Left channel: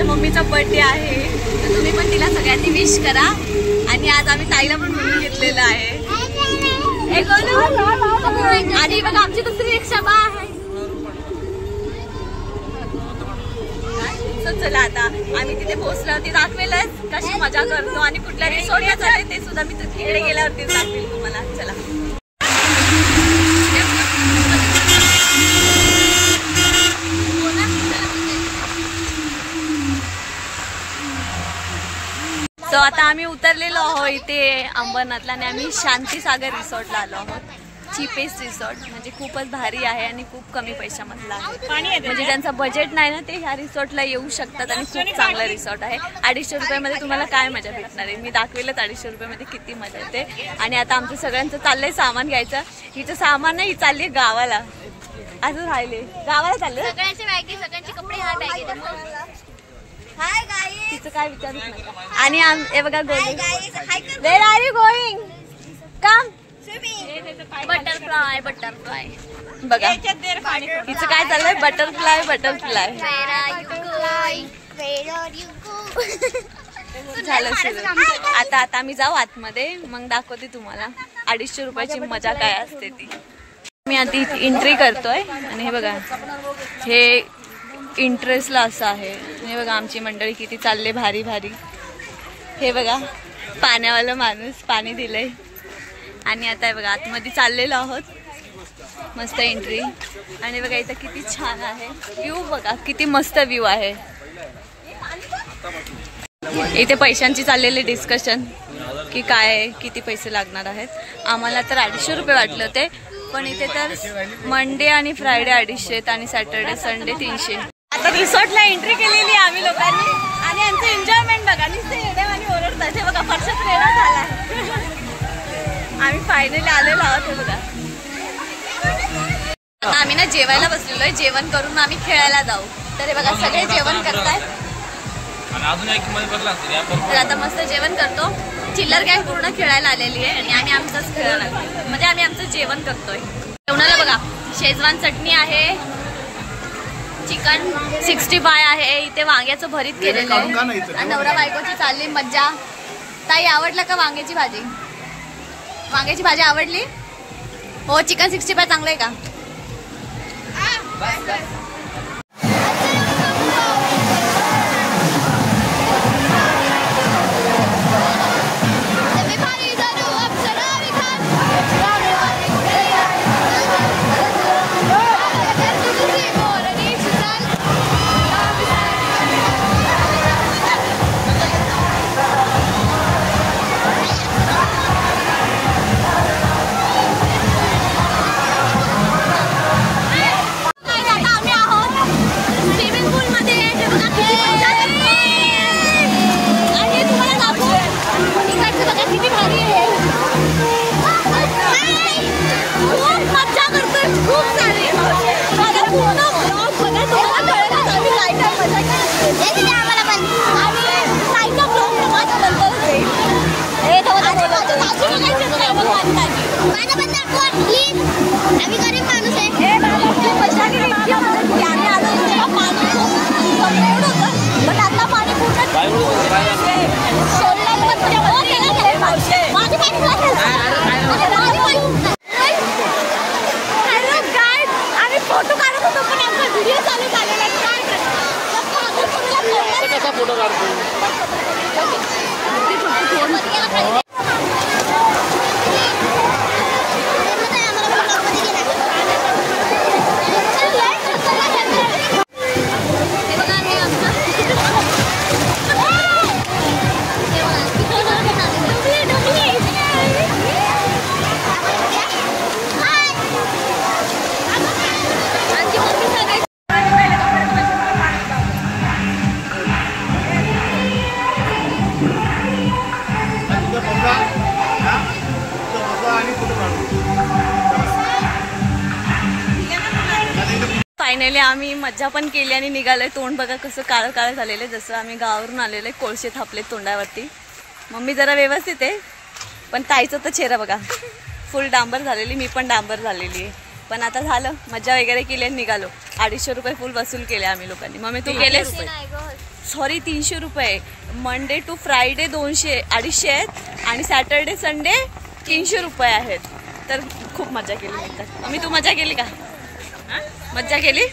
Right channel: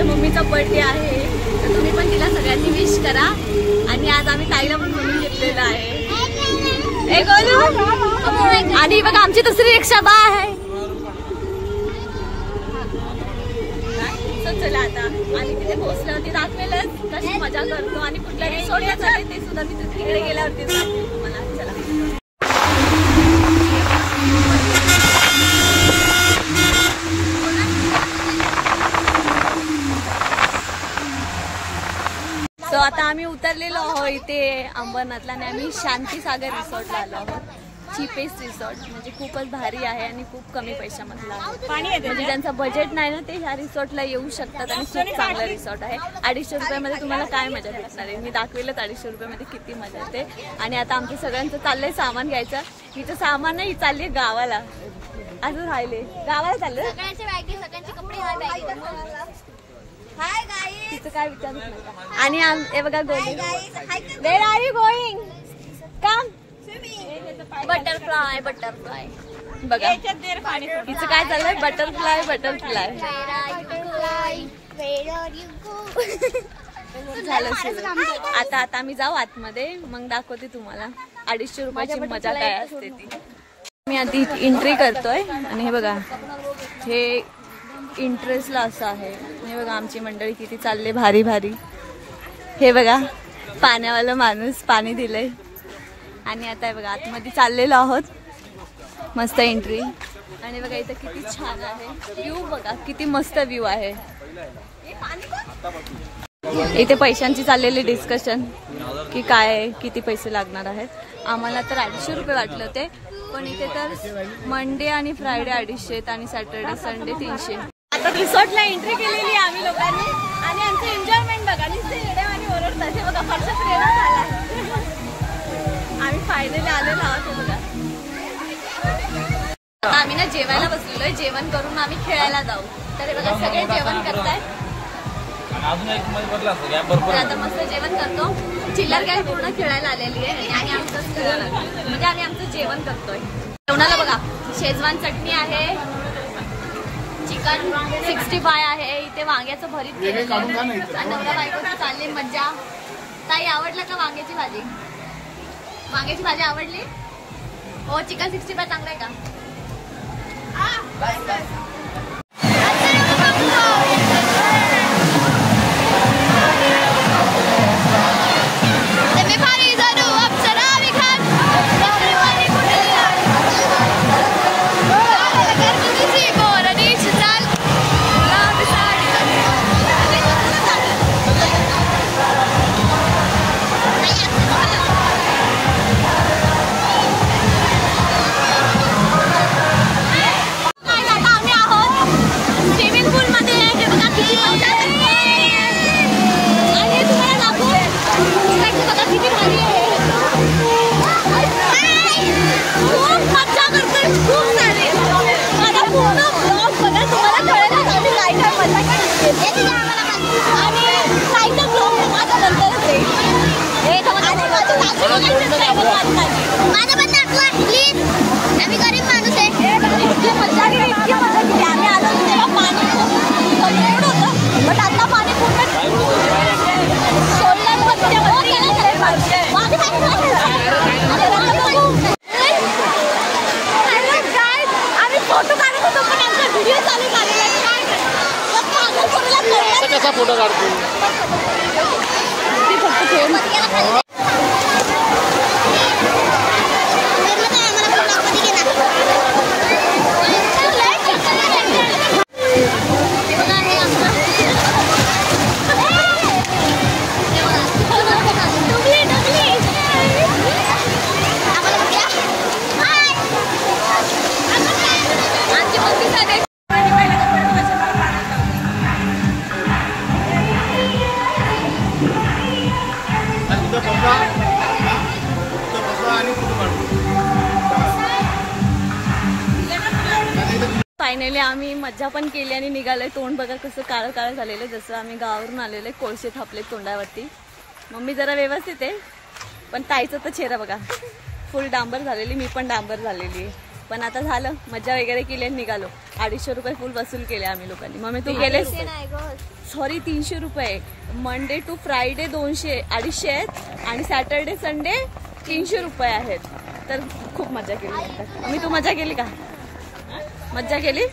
माझ्या मम्मीचा बर्थडे आहे, तर तुम्ही पण तिला सगळ्यांनी विश करा। आणि आज आम्ही ताईला पण म्हणून घेतलेलं आहे। आणि बघा आमची दुसरी रिक्षा बा आहे। चला आता आम्ही तिथे पोहोचल्यावरती दाखवेलच कशी मजा करतो आणि कुठल्या रिसॉर्टला चालले ते सुद्धा मी तिकडे गेल्यावरती दाखवेल तुम्हाला। चला सो आता आम्ही उतरलेलो आहोत इथे अंबरनाथला आणि आम्ही शांतीसागर रिसॉर्टला आलो आहोत। चीपेस्ट रिसॉर्ट म्हणजे खूपच भारी आहे आणि खूप कमी पैशामधला आहे। म्हणजे ज्यांचा बजेट नाही ना ते ह्या रिसॉर्टला येऊ शकतात आणि खूप चांगला रिसॉर्ट आहे। 250 रुपयामध्ये तुम्हाला काय मजा भेटणार आहे, मी दाखवेलच 250 रुपयामध्ये किती मजा येते। आणि आता आमचं सगळ्यांचं चाललंय सामान घ्यायचं। हिचं सामान नाही, ही चालली गावाला, असं राहिले गावाला चाललं। सगळ्यांचे कपडे हा बॅग हाय गाईस, तिचं काय विचारत नाही। आणि हे बघा going, where are you going, come butterfly butterfly बघा तिचं काय चाललंय, बटरफ्लाय बटरफ्लाय झालं सुरू। आता आम्ही जाऊ आतमध्ये, मग दाखवते तुम्हाला 250 रुपयाची मजा काय असते ती। मी आधी एंट्री करतोय आणि हे बघा हे इंटरेस्टला असं आहे। हे बघा आमची मंडळी किती चालले भारी भारी। हे बघा पाण्यावाला माणूस पाणी दिलंय आणि आता हे बघा आतमध्ये चाललेलो आहोत, मस्त एंट्री। आणि बघा इथं किती छान आहे व्ह्यू, बघा किती मस्त व्ह्यू आहे। इथे पैशांची चाललेले डिस्कशन की काय किती पैसे लागणार आहेत। आम्हाला तर 250 रुपये वाटले होते, पण इथे तर मंडे आणि फ्रायडे 250 आणि सॅटर्डे संडे 300। आता रिसॉर्टला एंट्री केलेली आहे आम्ही लोकांनी आणि आमचं एन्जॉयमेंट बघा, नुसते येड्यावानी ओरडतात। हे बघा फरशात वेळा झाला, आम्ही फायनली आलेलो आहोत। हे बघा आता आम्ही ना जेवायला बसलेलो आहे, जेवण करून आम्ही खेळायला जाऊ। तर हे बघा सगळे जेवण करतायत, तर आता मस्त जेवण करतो। चिल्लर गँग पूर्ण खेळायला आलेली आहे आणि आम्ही आमचंच खेळायला लागलो, म्हणजे आम्ही आमचं जेवण करतोय। जेवणाला बघा शेजवान चटणी आहे, चिकन 65 आहे, इथे वांग्याचं भरीत केलेलं आहे। नवरा बायकोची चालली मज्जा। ताई आवडला का वांग्याची भाजी? वांग्याची भाजी आवडली हो? चिकन 65 चांगलं आहे का? फोटो काढत होतो पण आमचा व्हिडिओ चालू झालेला आहे, काय कसा फोटो काढतो? फायनली आम्ही मज्जा पण केली आणि निघालोय। तोंड बघा कसं काळं काळं झालेलं, जसं आम्ही गावावरून आलेले, कोळसे थापले तोंडावरती। मम्मी जरा व्यवस्थित आहे, पण ताईचं तर चेहरा बघा फुल डांबर झालेली, मी पण डांबर झालेली आहे। पण आता झालं, मज्जा वगैरे केली आणि निघालो। 250 रुपये फुल वसूल केले आम्ही लोकांनी। मम्मी तू गेलेस? सॉरी 300 रुपये. मंडे टू फ्रायडे 200-250 आहेत आणि सॅटर्डे संडे 300 रुपये आहेत. तर खूप मजा केली म्हणतात. मी तू मजा केली का? मज्जा केली.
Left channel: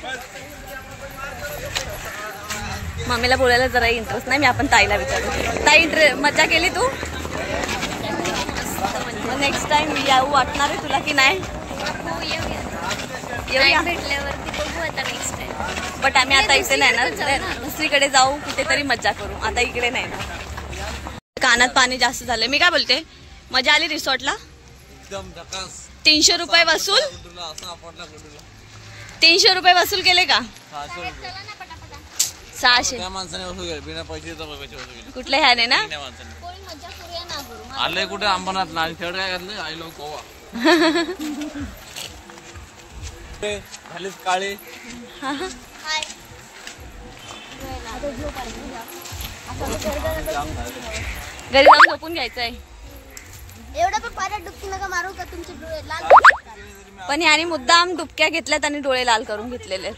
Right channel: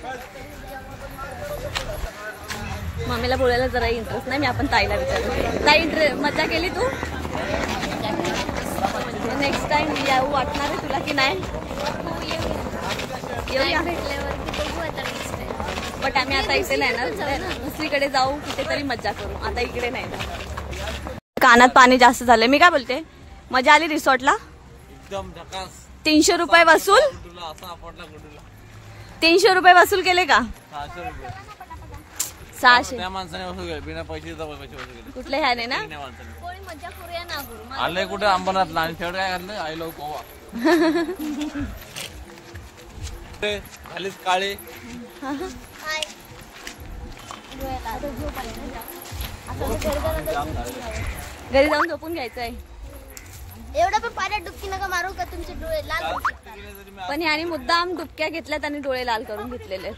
मम्मीला बोलायला जरा इंटरेस्ट नाही. मी आपण ताईला विचारू. ताई मजा केली तू? नेक्स्ट टाइम येऊ वाटणार आहे तुला की नाही? येऊया भेटल्यावरती बघू आता नेक्स्ट टाइम. बट आम्ही आता इथे नाही ना, दुसरीकडे जाऊ, कुठेतरी मज्जा करू. आता इकडे नाही ना. कानात पाणी जास्त झालंय. मी काय बोलते, मजा आली रिसॉर्टला? 300 रुपये वसूल. 300 रुपये वसूल केले का? 600. कुठल्या ह्याने ना? मजा करूया ना करू. आले कुठे अंबरनाथ ना तेवढं काय करलं. I love Goa. झालीच काळे. घरी जाऊन झोपून घ्यायचंय. एवढं पण पाण्यात डुबकी नका मारू का तुमचे डोळे लाल दिसतात. पण याने मुद्दाम डुबक्या घेतल्यात आणि डोळे लाल करून घेतलेले.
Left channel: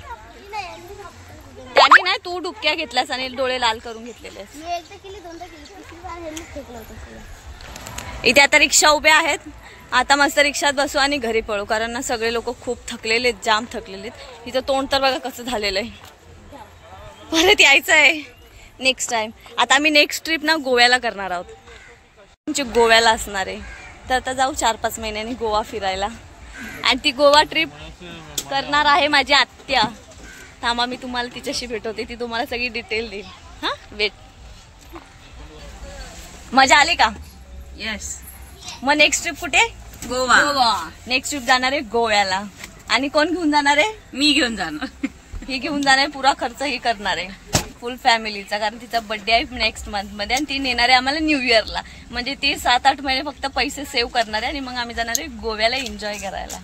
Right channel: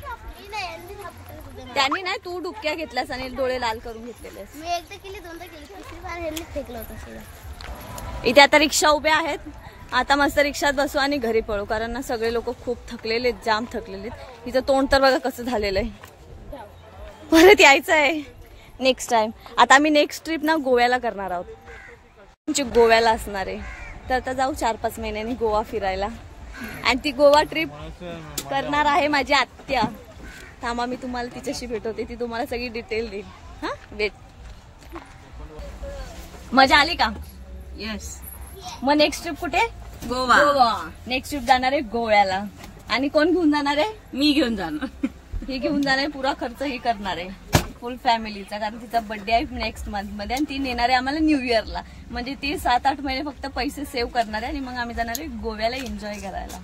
त्यांनी नाही, तू डुबक्या घेतल्यास आणि डोळे लाल करून घेतलेले. मी एकदा केली, दोनदा केली, तिसरी बार हेल्मेट फेकलं होतं सगळं. इथे आता रिक्षा उभ्या आहेत. आता मस्त रिक्षात बसू आणि घरी पळू, कारण ना सगळे लोक खूप थकलेले आहेत, जाम थकलेले आहेत. इथं तोंड तर बघा कसं झालेलं आहे. परत यायचं आहे नेक्स्ट टाइम. आता आम्ही नेक्स्ट ट्रिप ना गोव्याला करणार आहोत. आमची गोव्याला असणार आहे. तर आता जाऊ 4-5 महिन्यांनी गोवा फिरायला. आणि ती गोवा ट्रिप करणार आहे माझी आत्या. थांबा, मी तुम्हाला तिच्याशी भेटवते. ती तुम्हाला सगळी डिटेल देईल. हा, वेट. मजा आली का? येस. मग नेक्स्ट ट्रिप कुठे? गोवा. नेक्स्ट ट्रिप जाणार आहे गोव्याला. आणि कोण घेऊन जाणार आहे? मी घेऊन जाणार. ही घेऊन जाणार आहे. पुरा खर्च ही करणार आहे फुल फॅमिलीचा, कारण तिचा बर्थडे आहे नेक्स्ट मंथ मध्ये आणि ती नेणार आहे आम्हाला न्यू इयरला. म्हणजे ती 7-8 महिने फक्त पैसे सेव्ह करणार आहे आणि मग आम्ही जाणार आहे गोव्याला एन्जॉय करायला.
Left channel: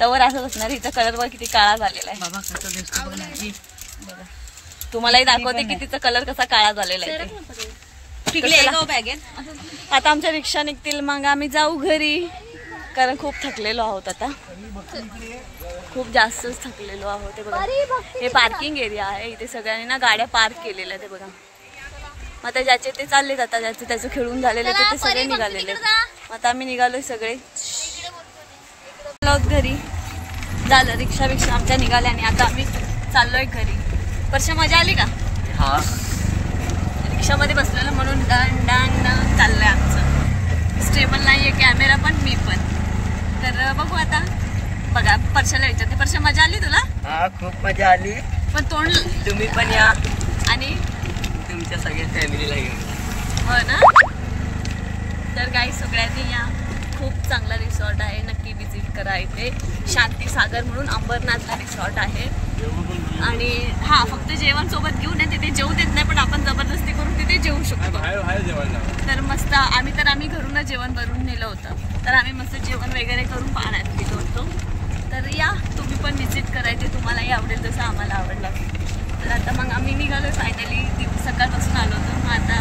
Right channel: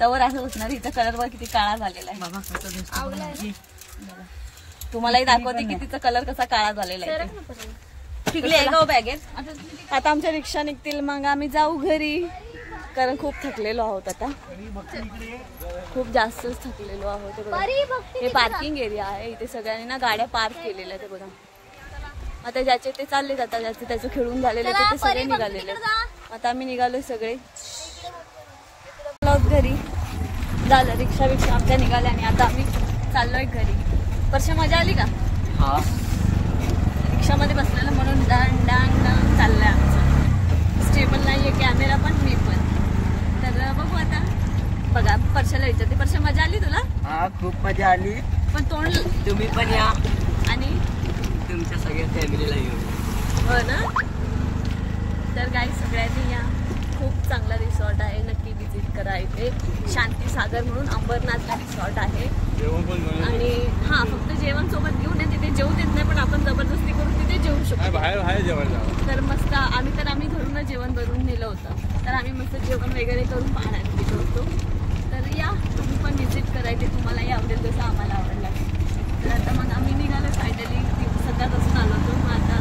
तवर असंच असणार. हिचा कलर बघ किती काळा झालेला आहे. बाबा कसं दिसतो बघा. तुम्हालाही दाखवते की तिचा कलर कसा काळा झालेला आहे ते. आता आमच्या रिक्षा निघतील, मग आम्ही जाऊ घरी, कारण खूप थकलेलो आहोत. आता खूप जास्तच थकलेलो आहोत. ते बघा, हे पार्किंग एरिया आहे. इथे सगळ्यांनी ना गाड्या पार्क केलेल्या. ते बघा, आता ज्याचे ते चालले जातात, ज्याचे त्याचं खेळून झालेले ते सगळे निघालेले. आता आम्ही निघालोय सगळे घरी. झालं रिक्षा आमच्या निघाल्या आणि आता आम्ही चाललोय घरी. वर्षा मजा आली का? हा. रिक्षामध्ये बसलेलं म्हणून डान डान डान चाललंय आमचं. स्टेबल नाहीये कॅमेरा पण, मी पण. तर बघू आता. बघा, परशाला विचारते. परशा मजा आली तुला? हा, खूप मजा आली. पण तोंड तुम्ही पण या आणि तुमच्या सगळ्या फॅमिलीला घेऊन. हो ना. तर काही सगळ्यांनी या. खूप चांगला रिसॉर्ट आहे, नक्की विजिट करा. इथे शांती सागर म्हणून अंबरनाथला रिसॉर्ट आहे. आणि हा, फक्त जेवण सोबत घेऊन येते. तिथे जेवू देत नाही, पण आपण जबरदस्ती करून तिथे जेवू शकतो. तर मस्त. आम्ही घरूनच जेवण बनवून नेलं होतं. तर आम्ही मस्त जेवण वगैरे करून पाण्यात गेलो होतो. तर या, तुम्ही पण विजिट करायचे. तुम्हालाही आवडेल जसं आम्हाला आवडलं. तर आता मग आम्ही निघालो फायनली. सकाळपासून आलो होतो. मग आता